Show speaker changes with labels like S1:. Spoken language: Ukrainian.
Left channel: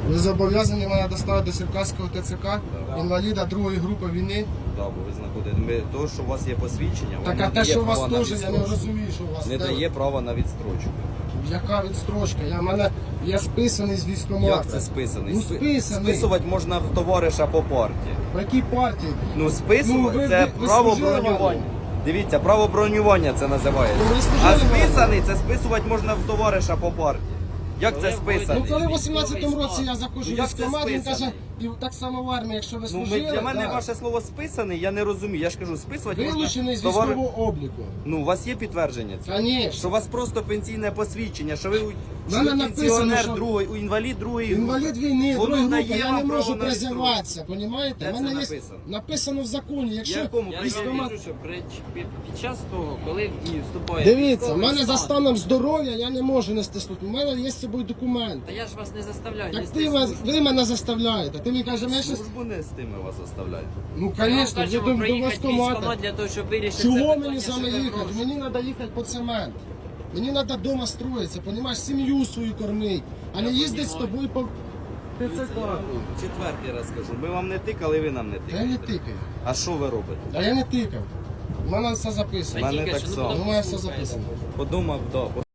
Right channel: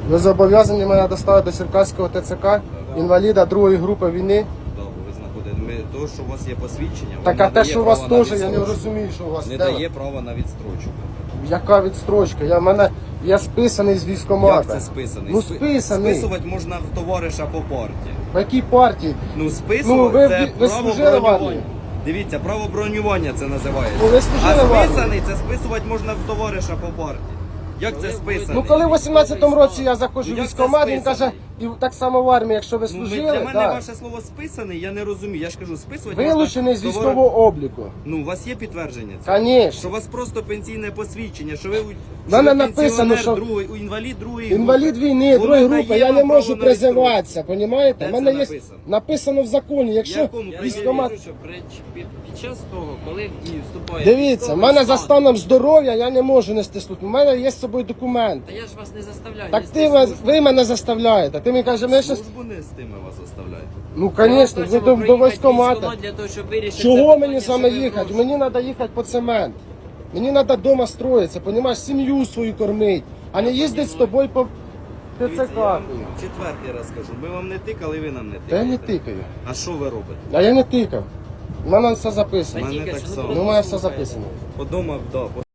S1: Ви зобов'язані мене доставити до Черкаського ТЦК, інваліда другої групи війни.
S2: Так, бо ви знаходите. То, що у вас є посвідчення,
S1: Так,
S2: вам
S1: а те, що у вас
S2: права на
S1: теж, я не
S2: відстрочку.
S1: розумію, що у вас.
S2: Не
S1: Де ви?
S2: дає права на відстрочку.
S1: Яка відстрочка? Я списаний з військкомата.
S2: Як це списаний?
S1: Ну, списаний.
S2: Списувати можна в товариша по партії.
S1: По якій партії?
S2: Ну, списувати
S1: Ну,
S2: це
S1: ви
S2: право
S1: служили в
S2: бронювання.
S1: армії?
S2: Дивіться, право бронювання це називається.
S1: Ну, ви служили
S2: А
S1: в армії?
S2: списаний це списувати можна в товариша по партії. Як це списаний?
S1: Ну коли в 18-му році я заходжу
S2: Ну,
S1: в
S2: як це
S1: військкомат, він каже,
S2: списаний?
S1: і так само в армії, якщо ви
S2: Ну,
S1: служили,
S2: для мене
S1: да.
S2: ваше слово списаний, я не розумію. Я ж кажу, списувати
S1: Вилучений з
S2: можна
S1: військового обліку.
S2: Ну, у вас є підтвердження цього?
S1: Конечно.
S2: Що у вас просто пенсійне посвідчення, що ви, що
S1: мене
S2: ви
S1: написано,
S2: пенсіонер
S1: що-
S2: другої, інвалід другої групи.
S1: Інвалід війни,
S2: Воно
S1: другої
S2: дає
S1: групи, я
S2: вам
S1: не
S2: право
S1: можу
S2: на
S1: призиватися, понімаєте?
S2: Де
S1: У мене
S2: це
S1: є
S2: написано?
S1: написано в законі, якщо
S2: Якому?
S3: Я
S1: військкомат...
S3: кажу, що під час того, коли в дію вступає
S1: Дивіться, в
S3: військовий
S1: мене за
S3: стан,
S1: станом здоров'я я не можу нести службу. У мене є з собою документ.
S3: Та я ж вас не заставляю.
S1: Так
S3: нести
S1: ти
S3: службу.
S1: ви мене заставляєте. Ти мені кажеш, ми щас...
S2: Службу не з тими вас заставляють.
S1: Ну,
S3: Ми вам
S1: звісно, ви
S3: кажемо
S1: до
S3: проїхати
S1: військкомата.
S3: військкомат для того, щоб вирішити це
S1: Чого
S3: питання,
S1: мені з вами
S3: щоб ви
S1: їхати?
S3: гроші.
S1: Мені треба їхати по цемент. Мені треба вдома строїтися, понімаєш, сім'ю свою кормити, а не їздити з тобою по
S2: Дивіться,
S1: ТЦК.
S2: я вам четвертий раз кажу. Ми вам не тикали, ви нам не
S1: Та я
S2: тикаєте.
S1: не тикаю.
S2: А що ви робите?
S1: А я не тикав. У мене все
S3: Та
S1: записано.
S2: мене
S3: тільки
S2: так
S3: що,
S2: само.
S3: потім
S1: Ну, у мене все
S3: послухаєте.
S1: записано.
S2: Подумав, да.